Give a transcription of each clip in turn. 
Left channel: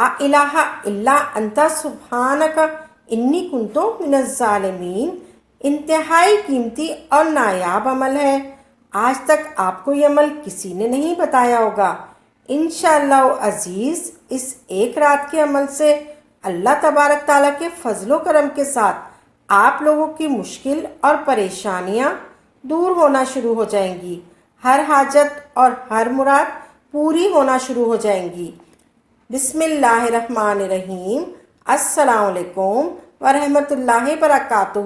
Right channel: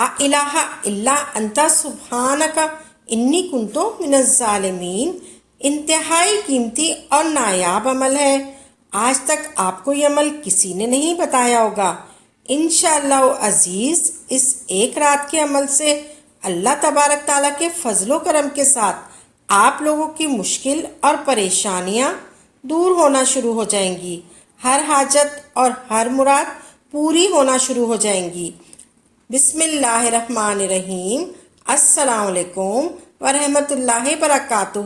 لا الہ الا انت سبحانک انی کنتو من الظالمین انتہائی قیمتی اور نایاب عمل ہے۔ آج تک آپ کو یہ عمل کسی نے نہیں بتایا ہوگا۔ انشاءاللہ عزیز اس ایک رات کے عمل سے اللہ تبارک تعالیٰ کے فضل و کرم کے ساتھ آپ لوگوں کی مشکل اور پریشانیاں دور ہونا شروع ہو جائیں گی، ہر حاجت اور ہر مراد پوری ہونا شروع ہو جائیں گی۔ بسم اللہ الرحمن الرحیم۔ السلام علیکم ورحمۃ اللہ وبرکاتہ۔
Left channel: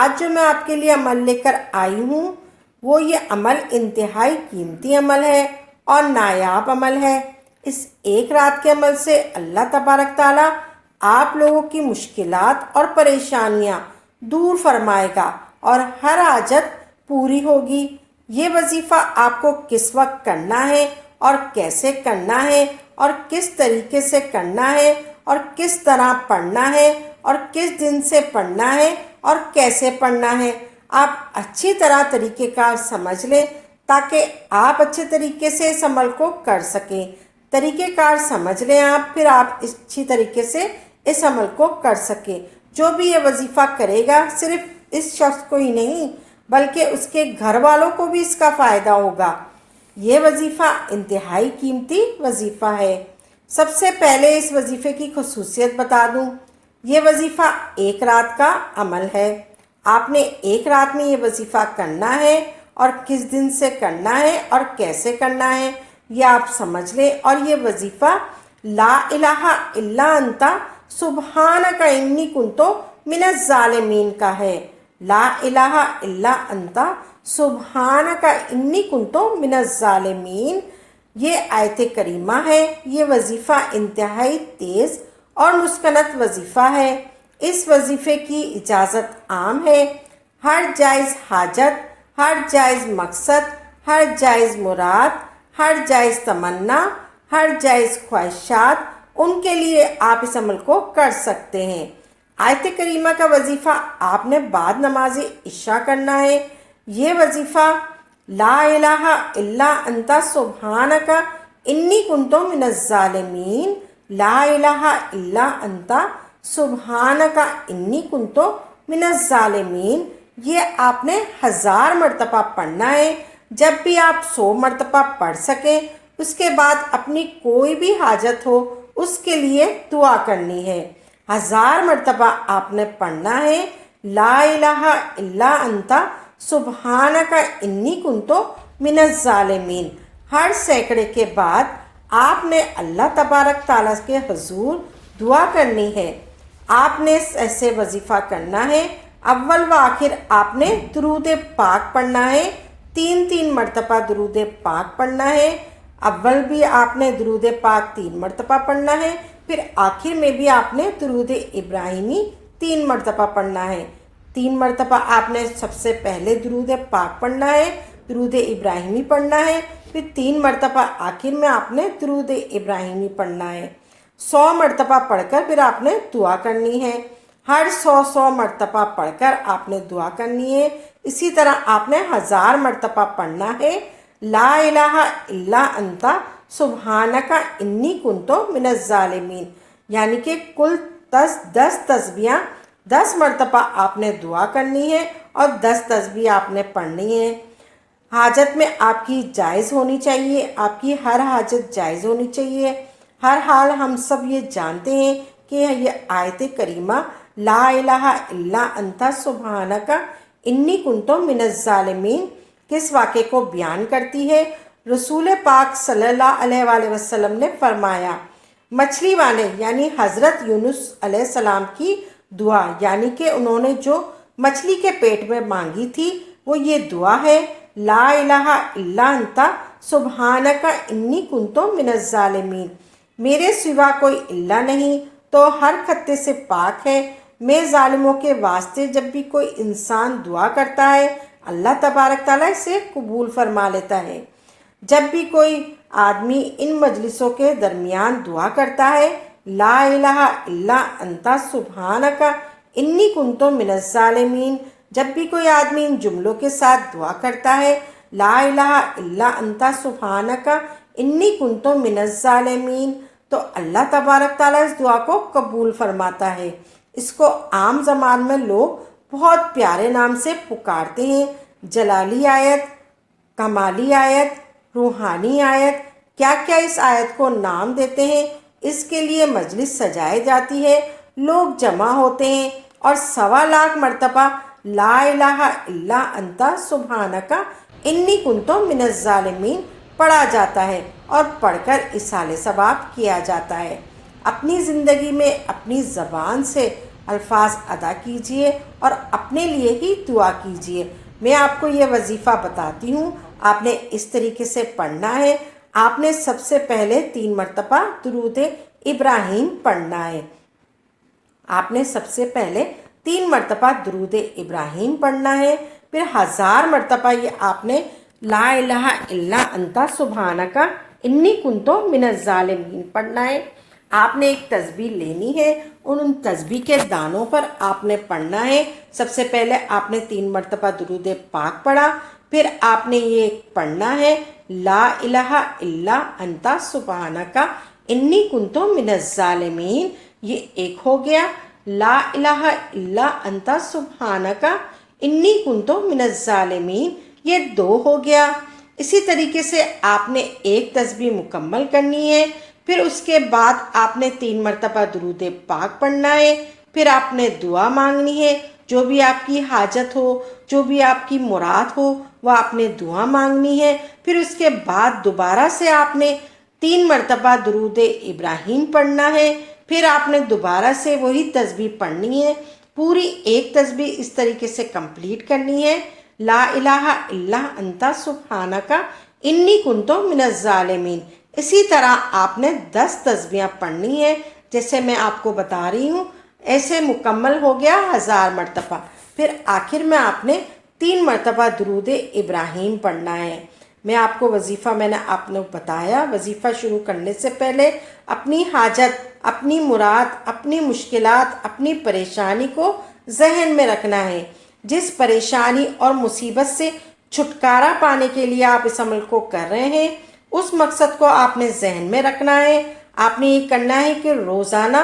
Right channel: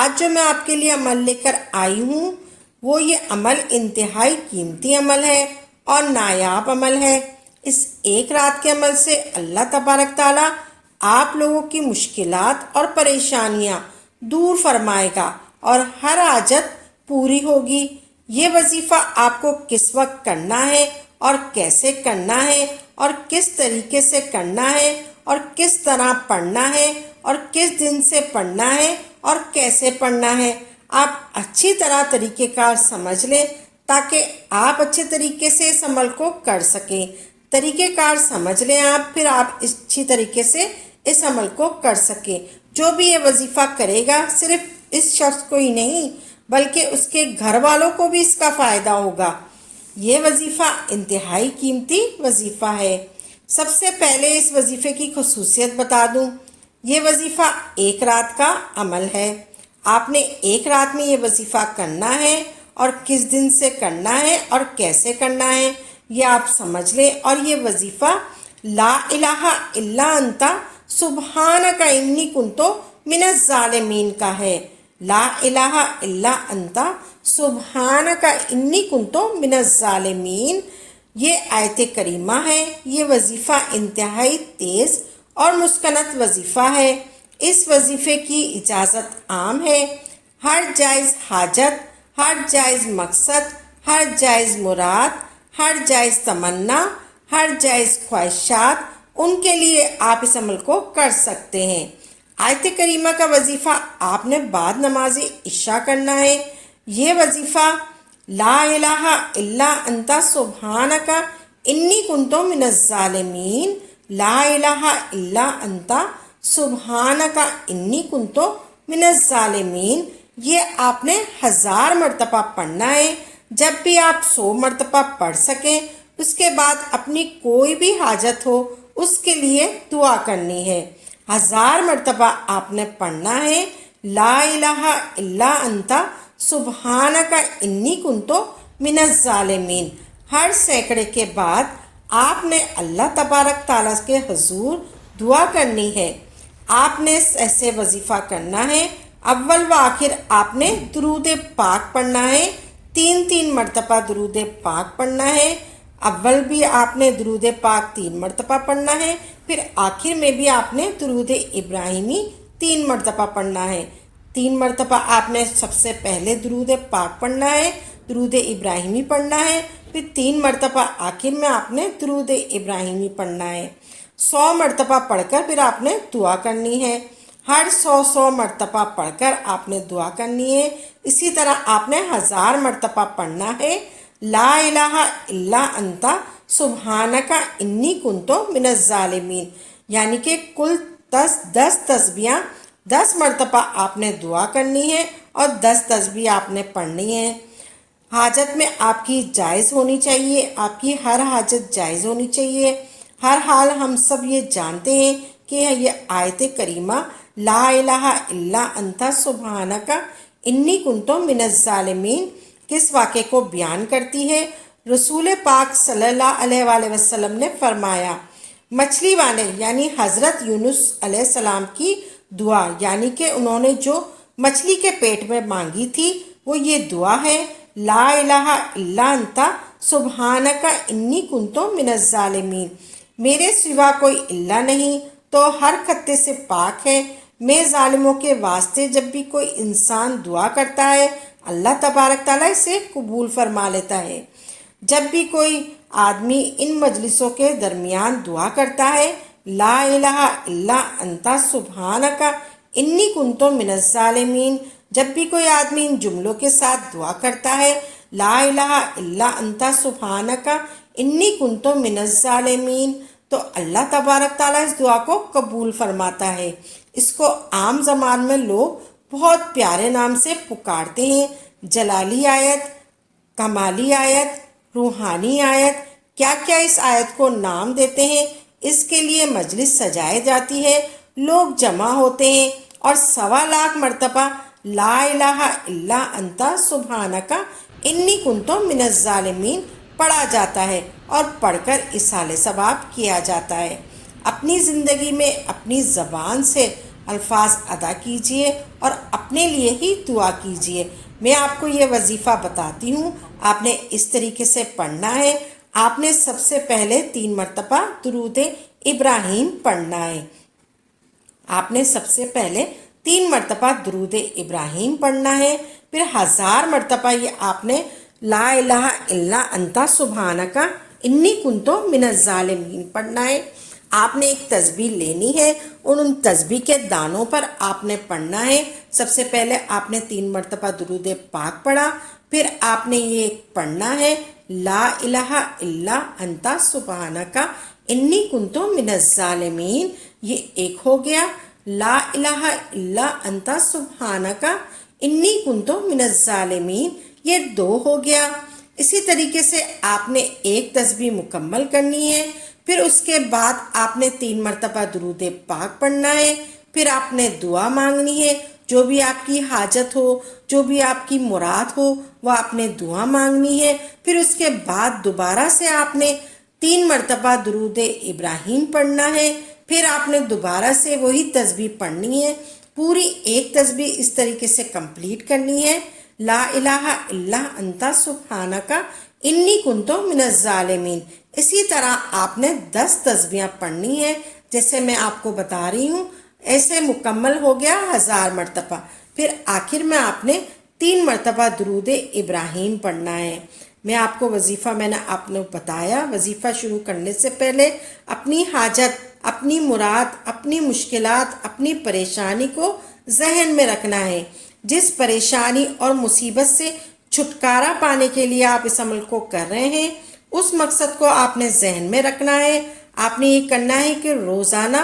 آج جو میں آپ کے لیے عمل لے کر آئی ہوں وہ یہ عمل انتہائی قیمتی عمل ہے اور نایاب عمل ہے۔ اس ایک رات کے عمل سے اللہ تبارک تعالیٰ آپ لوگوں کی مشکلات اور پریشانیاں دور فرمائے گا اور ہر حاجت پوری ہوگی۔ یہ وظیفہ آپ کو کس وقت کرنا ہے اور کیسے کرنا ہے اور کس طریقے سے کرنا ہے اور کس طرح پڑھنا ہے اور کس دن سے پڑھنا ہے اور کیسے پڑھنا ہے، آپ اچھی طرح طریقہ کار سمجھ لیں تاکہ آپ اچھے طریقے سے اس عمل کو کر سکیں۔ طریقہ کار سمجھ لیں آپ، پھر آپ اچھی طریقے سے اس عمل کو کر سکیں۔ جو بھی یہ وظیفہ کرے گا صرف اس شخص کو ہی نہیں بلکہ اس کے گھر والوں کو بھی اس کا فائدہ ہوگا۔ یہ وظیفہ انتہائی قیمتی وظیفہ ہے۔ سب سے پہلے اس وظیفے کی خصوصیت بتا دوں۔ یہ وظیفہ ایک رات کا عمل ہے۔ آپ نے ایک رات میں یہ وظیفہ کرنا ہے اور کس دن سے کرنا ہے اور کیسے کرنا ہے یہ آپ سمجھ لیں۔ اور یہ وظیفہ لا الہ الا انت سبحانک انی کنتو من الظالمین کا ہے۔ لا الہ الا انت سبحانک انی کنتو من الظالمین یہ آیت کریمہ ہے۔ یہ وظیفہ انتہائی تیز اور مسکنت وظیفہ ہے۔ اس وظیفے کی اجازت عام ہے۔ ہر جائز حاجت، ہر جائز مقصد، ہر جائز مراد، ہر جائز تمنا، ہر جائز خواہشات، ان کے لیے آپ اس عمل کو کر سکتے ہیں۔ آیت کریمہ کا وظیفہ آپ نے بعد نماز عشاء کرنا ہے۔ یہ وظیفہ لا الہ الا انت سبحانک انی کنتو من الظالمین، لا الہ الا انت سبحانک انی کنتو من الظالمین، یہ آپ نے 1000 مرتبہ پڑھنا ہے۔ جب بھی آپ 100 مرتبہ پڑھ سکیں اس کے بعد اپنی کوئی بھی حاجت ہو اس کے لیے دعا کرنی ہے۔ 1000 مرتبہ آپ نے پڑھنا ہے لا الہ الا انت سبحانک انی کنتو من الظالمین۔ ہر سینکڑے کے بعد آپ نے اللہ تبارک تعالیٰ کے حضور دعا کرنی ہے۔ آپ نے ایسے وظیفہ کرنا ہے۔ اول و آخر آپ نے درود پاک پڑھنا ہے، 3 مرتبہ درود پاک پڑھنا ہے۔ اول بھی آپ نے درود پاک 3 مرتبہ پڑھنا ہے، پھر آخر میں بھی آپ نے درود ابراہیمی 3 مرتبہ پڑھنا ہے۔ 3 مرتبہ آپ نے سب سے پہلے درود پاک پڑھنا ہے، درود ابراہیمی پڑھنا ہے، پھر 3 مرتبہ آخر میں آپ نے درود ابراہیمی پڑھنا ہے۔ 100 مرتبہ پڑھ کر پھر آپ نے دعا کرنی ہے۔ ہر 100 مرتبہ پڑھ کر آپ نے دعا کرنی ہے۔ اسی طرح آپ نے 1000 مرتبہ پڑھنا ہے لا الہ الا انت سبحانک انی کنتو من الظالمین، یعنی کہ کل 10 تسبیحاں 10 مرتبہ آپ نے دعا کرنی ہے اور 10 تسبیح آپ نے پڑھنی ہے۔ حاجت میں آپ کی جائز ہونی چاہیے، آپ کی ہر حاجت جائز ہونی چاہیے۔ ہر حال ہم سب یہ جانتے ہیں کہ یہ آیت کریمہ لا الہ الا انت سبحانک انی کنتو من الظالمین کس واقعے کو بیان کرتی ہے۔ رسول پاک صلی اللہ علیہ وآلہ وسلم نے فرمایا، مچھلی والے یعنی حضرت یونس علیہ السلام کی دعا، یعنی کہ انہوں نے جو مچھلی کے پیٹ میں مانگی تھی وہ یہ دعا ہے لا الہ الا انت سبحانک انی کنتو من الظالمین، میرے سوا کوئی اللہ نہیں تو ہر خطے سے پاک ہے، میں ظالموں کے واسطے جب بھی کوئی انسان دعا کرتا ہے اللہ تبارک تعالیٰ اسے قبول فرما لیتا ہے۔ جب بھی کوئی آدمی ان مجلسوں کے درمیان دعا کرتا ہے لا الہ الا انت سبحانک انی کنتو من الظالمین، جب بھی کوئی آدمی ان جملوں کے ساتھ دعا کرتا ہے لا الہ الا انت سبحانک انی کنتو من الظالمین، تو اللہ تبارک تعالیٰ اس دعا کو قبول فرماتا ہے۔ اس کو عام زبان میں لوگ بہت پیارے نام سے پکارتے ہیں، جلالی آیت، کمالی آیت، روحانی آیت، کیا کیا اس آیت کو نام دیتے ہیں۔ اس کے لیے مجلس سجائی جاتی ہے، لوگ جمع ہوتے ہیں اور 1.25 لاکھ مرتبہ لا الہ الا انت سبحانک انی کنت من الظالمین پڑھا جاتا ہے اور پڑھ کر اصالِ ثواب کیا جاتا ہے۔ اپنی زندگی میں اپنی زبان سے الفاظ ادا کیجئے اور اپنے لیے ہی دعا کیجئے۔ میں آپ کو یہ وظیفہ بتاتی ہوں، آپ نے اس طریقے سے پڑھنا ہے۔ آپ نے سب سے پہلے 3 مرتبہ درود ابراہیم پڑھنا ہے۔ آپ نے سب سے پہلے 3 مرتبہ درود ابراہیم پڑھنا ہے، پھر 1000 مرتبہ یہ آپ نے لا الہ الا انت سبحانک انی کنت من الظالمین پڑھنا ہے۔ آپ نے ایک تسبیح لینی ہے، ان تسبیح کے دانوں پر آپ نے پڑھنا ہے۔ سب سے پہلے آپ نے 3 مرتبہ درود پاک پڑھا، پھر آپ نے یہ پڑھنا ہے لا الہ الا انت سبحانک انی کنت من الظالمین، یہ ایک ہو گیا۔ لا الہ الا انت سبحانک انی کنت من الظالمین، یہ 2 ہو گیا۔ اسی طریقے سے آپ نے ایک تسبیح مکمل کرنی ہے، پھر اس کے بعد آپ نے 3 مرتبہ درود پاک پڑھنا ہے، پھر آپ نے دعا مانگنی ہے، جو بھی آپ کی حاجت ہو، جو بھی آپ کی مراد ہو، وہ آپ نے دعا مانگنی ہے۔ پھر اس کے بعد دوبارہ سے آپ نے 3 مرتبہ درود ابراہیم پڑھنا ہے، پھر آپ نے دوبارہ سے وہی تسبیح پڑھنی ہے، پوری ایک تسبیح اس طریقے سے کمپلیٹ کرنی ہے، لا الہ الا انت سبحانک انی کنت من الظالمین۔ اسی طرح آپ نے 10 تسبیحیں پڑھنی ہے، جیسے میں آپ کو بتا رہی ہوں، ایسے مکمل ہو گیا 1000 مرتبہ۔ پھر آخر میں آپ نے 3 مرتبہ درود ابراہیم پڑھنا ہے۔ میں آپ کو وظیفہ میں نے آپ نے بتایا، وظیفہ شروع کرنے سے پہلے اپنی حاجت، اپنی مراد، اپنی مشکلات، اپنی پریشانی کو ذہن میں رکھنا ہے۔ جس پریشانی اور مصیبت سے چھٹکارا پانے کے لیے آپ اس عمل کو کر رہے ہیں، اس مقصد کو آپ نے ذہن میں رکھنا ہے۔ آپ نے یہ کرنا ہے کہ روزانہ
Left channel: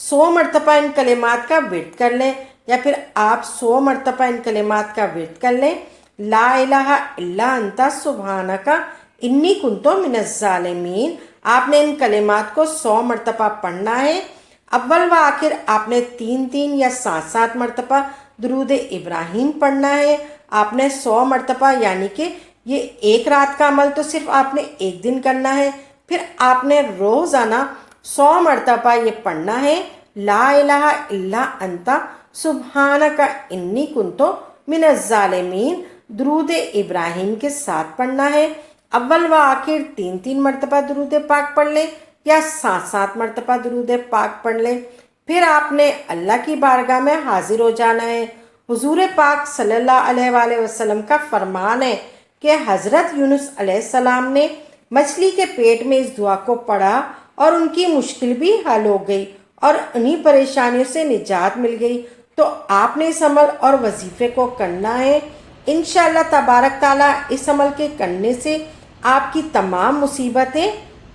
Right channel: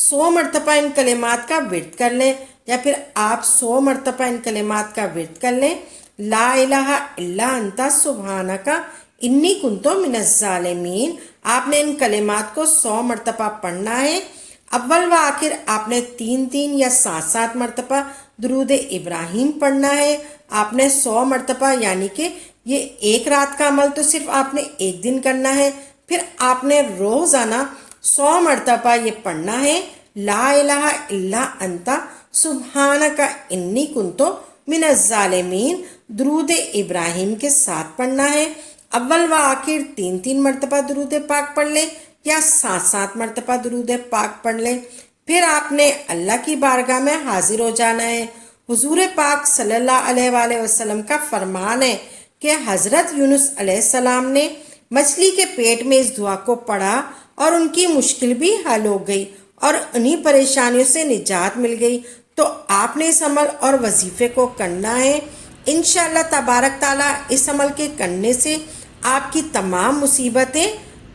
100 مرتبہ ان کلمات کا ورد کر لیں، یا پھر آپ 100 مرتبہ ان کلمات کا ورد کر لیں، لا الہ الا انت سبحانک انی کنت من الظالمین۔ آپ نے ان کلمات کو 100 مرتبہ پڑھنا ہے۔ اول و آخر آپ نے 3 یا 7 مرتبہ درود ابراہیم پڑھنا ہے۔ آپ نے 100 مرتبہ، یعنی کہ یہ ایک رات کا عمل تو صرف آپ نے ایک دن کرنا ہے، پھر آپ نے روزانہ 100 مرتبہ یہ پڑھنا ہے، لا الہ الا انت سبحانک انی کنت من الظالمین، درود ابراہیم کے ساتھ پڑھنا ہے۔ اول و آخر 3 مرتبہ درود پاک پڑھ لیں یا 7 مرتبہ درود پاک پڑھ لیں۔ پھر آپ نے اللہ کی بارگاہ میں حاضر ہو جانا ہے۔ حضور پاک صلی اللہ علیہ وآلہ وسلم کا فرمان ہے کہ حضرت یونس علیہ السلام نے مچھلی کے پیٹ میں اس دعا کو پڑھا اور ان کی مشکل بھی حل ہو گئی اور انہی پریشانیوں سے نجات مل گئی۔ تو آپ نے اس عمل اور وظیفے کو کرنا ہے۔ انشاءاللہ تبارک تعالیٰ اس عمل کے کرنے سے آپ کی تمام مصیبتیں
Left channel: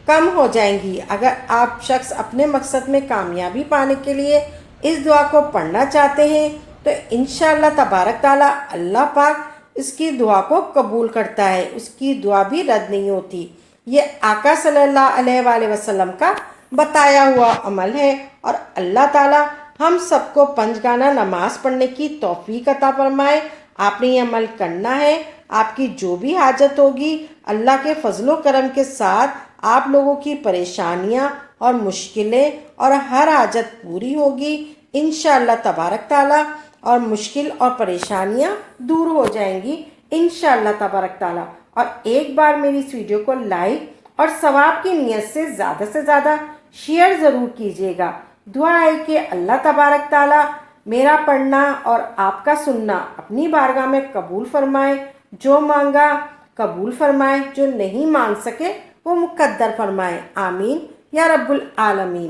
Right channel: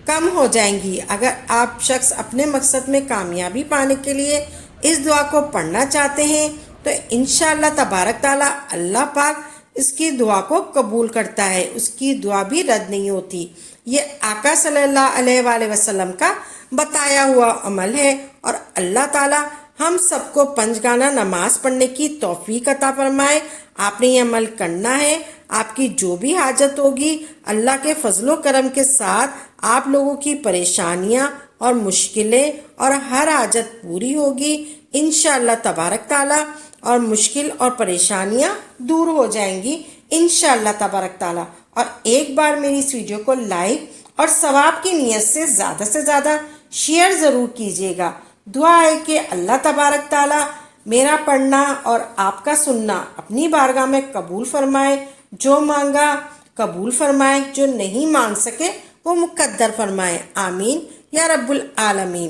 کم ہو جائیں گی۔ اگر آپ شخص اپنے مقصد میں کامیابی پانے کے لیے اس دعا کو پڑھنا چاہتے ہیں تو انشاءاللہ تبارک تعالیٰ اللہ پاک اس کی دعا کو قبول کرتا ہے، اس کی دعا بھی رد نہیں ہوتی۔ یہ آقا صلی اللہ علیہ وآلہ وسلم کا بتایا ہوا عمل ہے، اور اللہ تعالیٰ ہم سب کو 5 گانا نماز پڑھنے کی توفیق عطا فرمائے۔ آپ نے یہ عمل کرنا ہے، آپ کی جو بھی حاجت ہوگی اللہ کے فضل و کرم کے ساتھ آپ لوگوں کی پریشانیاں اور مشکلیں اور ہر حاجت پوری ہوگی انشاءاللہ تبارک تعالیٰ، اور مشکل اور پریشانیاں دور ہو جائیں گی انشاءاللہ تبارک تعالیٰ۔ اور ایک بار میری اس ویڈیو کو لائک اور ثواب کی نیت سے زیادہ شیئر ضرور کیجیے گا۔ دعا ہے کہ اللہ تبارک تعالیٰ میرا پڑھنا اور آپ کا سننا اپنی بارگاہ میں قبول فرمائے، جو مانگا قبول فرمائے، جو نہیں مانگ سکے وہ مقدر فرمائے، آمین یا رب العالمین۔